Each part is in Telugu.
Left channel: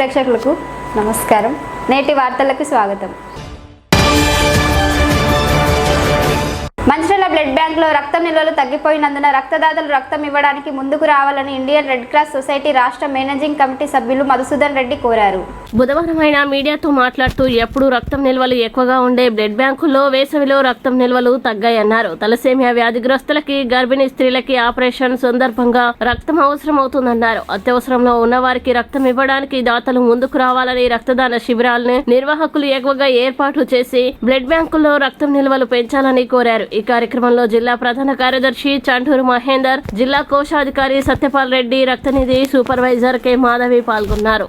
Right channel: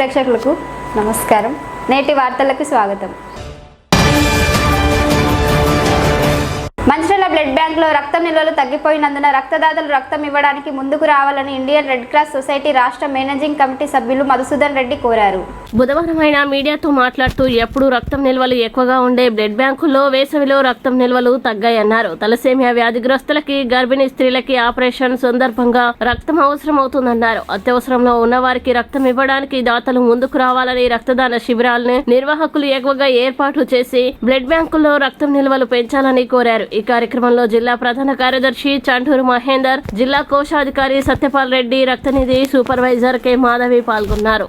ప్రేక్షకులకు నమస్కారం. నేటి వార్తలకు స్వాగతం. మంచిర్యాల బ్లడ్ బ్యాంక్లో రక్తం నిల్వలు తగ్గిపోయినందున రక్తదాతలు రక్తం ఇవ్వడానికి ముందుకు రావాలని ఇండియన్ రెడ్ క్రాస్ సొసైటీ రాష్ట్ర మేనేజింగ్ కమిటీ సభ్యులు మధుసూదన్ రెడ్డి కోరారు. బుధవారం ఆయన మీడియాతో మాట్లాడుతూ ఎప్పుడు రక్తం నిల్వలు ఎక్కువగా ఉండే బ్లడ్ బ్యాంకుల్లో వేసవిలో రక్తం నిల్వలు తగ్గాయన్నారు. తలసేమియా వ్యాధిగ్రస్తులకి, గర్భిణీ స్త్రీలకి ఆపరేషన్ సందర్భంగా రక్తం అవసరం అవుతుందన్నారు. అత్యవసరంలో ఉన్న వారికి రక్తం ఇవ్వడానికి దాతలు ముందుకు రావాలని రక్తదాన శిబిరాలను నిర్వాహకులు ఎక్కువగా ఏర్పాటు చేసి బ్లడ్ బ్యాంకుల్లో రక్తం నిల్వలు పెంచాలని కోరారు. ఈ కార్యక్రమంలో జిల్లా ప్రధాన కార్యదర్శి చంటూరు మహేందర్, జిల్లా కోశాధికారి సత్యపాల్ రెడ్డి, రక్తనిధి సూపర్వైజర్ కె మాధవి పాల్గొన్నారు.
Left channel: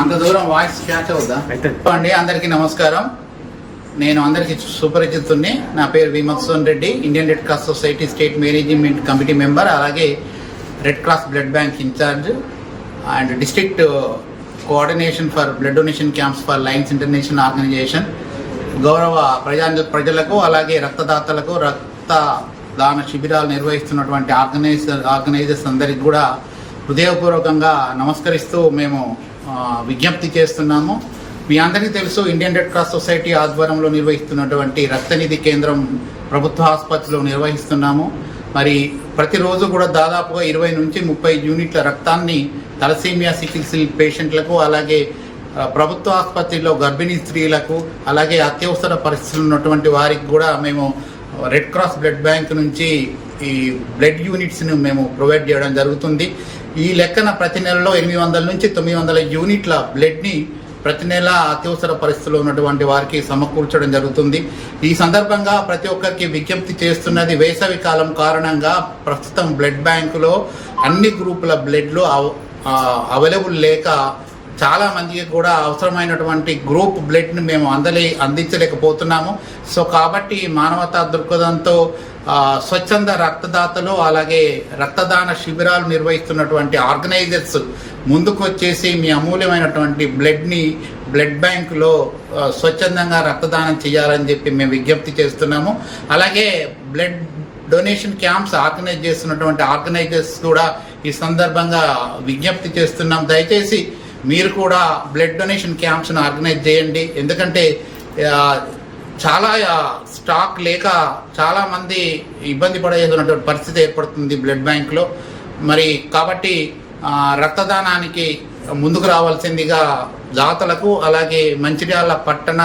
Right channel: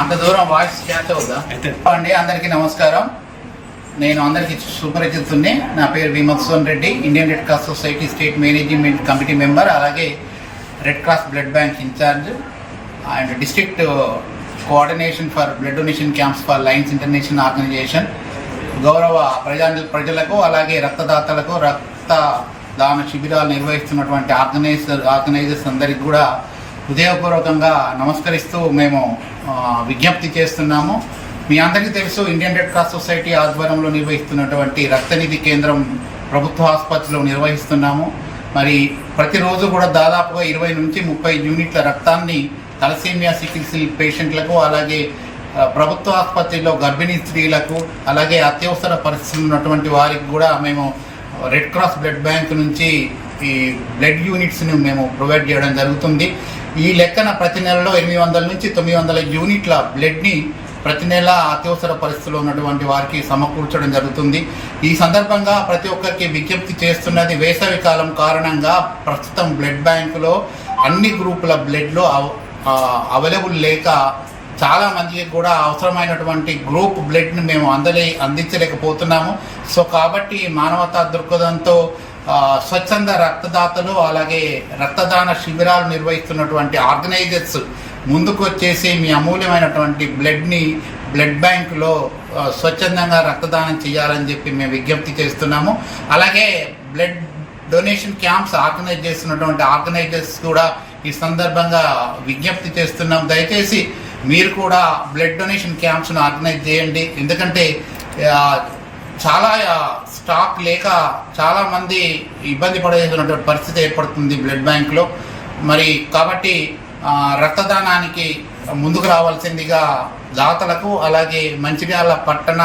అంత దూరం వాయిస్ క్యాచ్ అవుద్దా అండి. అందరికీ నమస్కారం. నేను అందరికీ సుపరిచితుడిని. నా పేరు V Madhusudan Reddy, Indian Red Cross Society state management committee member, అలాగే Red Cross blood bank in charge and district coordination for blood donation camps for Lions International organisation. గౌరవ ప్రజలకు అలాగే రక్తదాతలకు రక్తదాన శిబిరాలు నిర్వహిస్తున్నటువంటి ఆర్గనైజర్స్ అందరికి కూడా హృదయపూర్వకంగా నమస్కరిస్తూ మేము విజ్ఞప్తి చేస్తున్నాము. మీ అందరికీ తెలుసు, ఇండియన్ రెడ్ క్రాస్ సొసైటీ ఆధ్వర్యంలో నిర్వహిస్తున్నటువంటి రక్తనిధి కేంద్రం ప్రభుత్వ ఆసుపత్రిలో నిర్వహిస్తున్నాము. మరి ప్రతిరోజు కూడా దాదాపుగా 20 నుంచి 30 యూనిట్ల రక్తాన్ని తలసేమియా సికిల్ సెల్ పేషెంట్లకు, అలాగే ప్రభుత్వ ఆసుపత్రిలో గర్భిణీ స్త్రీలకు, అలాగే అత్యవసర పరిస్థితులు ఉన్నటువంటి వారికి కూడా మేము రెడ్ క్రాస్ బ్లడ్ బ్యాంక్ నుంచి ఈ బ్లడ్ యూనిట్స్ని మేము ప్రొవైడ్ చేయడం జరుగుతుంది. ఈ లెక్కన ప్రతి నెలలో 800 నుంచి 900 యూనిట్ల బ్లడ్ని ప్రతి నెల అత్యవసర పరిస్థితుల్లో ఉన్నటువంటి వారికి సమకూర్చడం జరుగుతుంది. ఈ సందర్భంగా ప్రతి ఒక్కరికి విజ్ఞప్తి చేస్తున్నది, వేసవి కాలం కారణంగా ప్రస్తుతం బ్లడ్ బ్యాంకులో అన్ని గ్రూపుల బ్లడ్లు అవైలబుల్ లేక చాలామందికి కూడా అవసరమైనటువంటి గ్రూప్ బ్లడ్ని మేము అందించలేకపోతున్నాము. సో కాబట్టి మానవతా దృక్పథంతో స్వచ్ఛంద రక్తదాతలు, అలాగే రక్తదాన శిబిరాలు నిర్వహిస్తున్నటువంటి ఆర్గనైజర్స్ ముందుకు వచ్చేసి మీ అమూల్యమైనటువంటి బ్లడ్ని బ్లడ్ బ్యాంకులో స్వచ్ఛందంగా రక్తదానం చేయాలని చెప్పి మేము విజ్ఞప్తి చేస్తున్నాము. అలాగే బ్లడ్ డొనేషన్ క్యాంప్స్ ఆర్గనైజ్ చేస్తున్నటువంటి ఆర్గనైజర్స్ కూడా ఈ సందర్భంగా విజ్ఞప్తి చేస్తున్నాం. దయచేసి మీరు కూడా బ్లడ్ డొనేషన్ క్యాంప్స్ను ఆర్గనైజ్ చేయండి. ఎందుకంటే చాలా స్టాక్ లేక చాలామంది ఇబ్బంది పడేటువంటి పరిస్థితి ఏర్పడుతుంది బ్లడ్ బ్యాంక్లో. మరి కాబట్టి రక్తదానానికి ముందుకు రావాల్సిందిగా దాతలకు, అలాగే మంచిర్యాల పట్టణ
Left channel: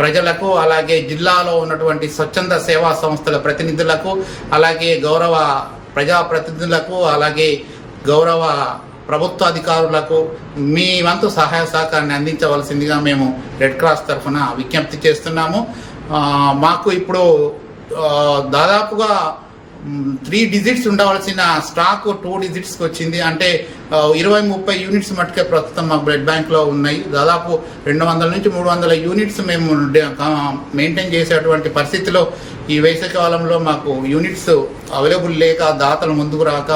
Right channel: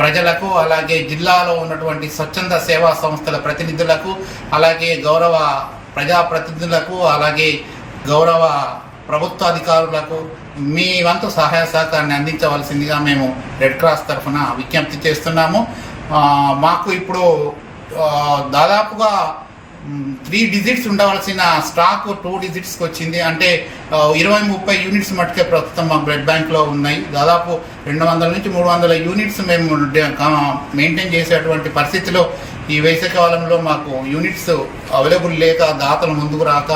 ప్రజలకు, అలాగే జిల్లాలో ఉన్నటువంటి స్వచ్ఛంద సేవా సంస్థల ప్రతినిధులకు, అలాగే గౌరవ ప్రజాప్రతినిధులకు, అలాగే గౌరవ ప్రభుత్వ అధికారులకు మీ వంతు సహాయ సహకారాన్ని అందించవలసిందిగా మేము రెడ్ క్రాస్ తరఫున విజ్ఞప్తి చేస్తున్నాము. మాకు ఇప్పుడు దాదాపుగా 3 డిజిట్స్ ఉండవలసిన స్టాక్ 2 డిజిట్స్కి వచ్చింది. అంటే 20-30 యూనిట్స్ మట్టుకే ప్రస్తుతం మాకు బ్లడ్ బ్యాంక్లో ఉన్నాయి. దాదాపు 200 నుంచి 300 యూనిట్స్ మేము మెయింటైన్ చేసేటువంటి పరిస్థితిలో ఈ వేసవికాలంలో మాకు యూనిట్స్ అవైలబుల్ లేక దాతలు ముందుకు రాక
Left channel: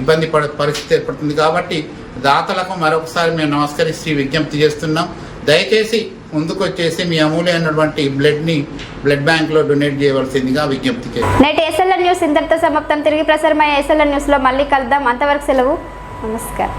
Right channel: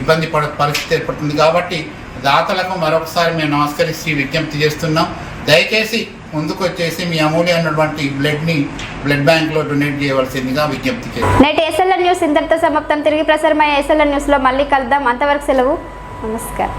ఇబ్బంది పరిస్థితి ఏర్పడుతుంది. కాబట్టి దాతలకు మరొకసారి మేము నమస్కరిస్తూ విజ్ఞప్తి చేస్తున్నాం. దయచేసి ముందుకు వచ్చేసి మీ అమూల్యమైనటువంటి బ్లడ్ని బ్లడ్ బ్యాంక్లో డొనేట్ చేయవలసిందిగా విజ్ఞప్తి చేస్తాం. నేటి ఎస్ఎల్ఎన్ న్యూస్ ఇంతటితో సమాప్తం. తిరిగి ప్రసారమయ్యే ఎస్ఎల్ఎన్ న్యూస్లో మళ్ళీ కలుద్దాం. అంతవరకు సెలవు. నమస్కారం.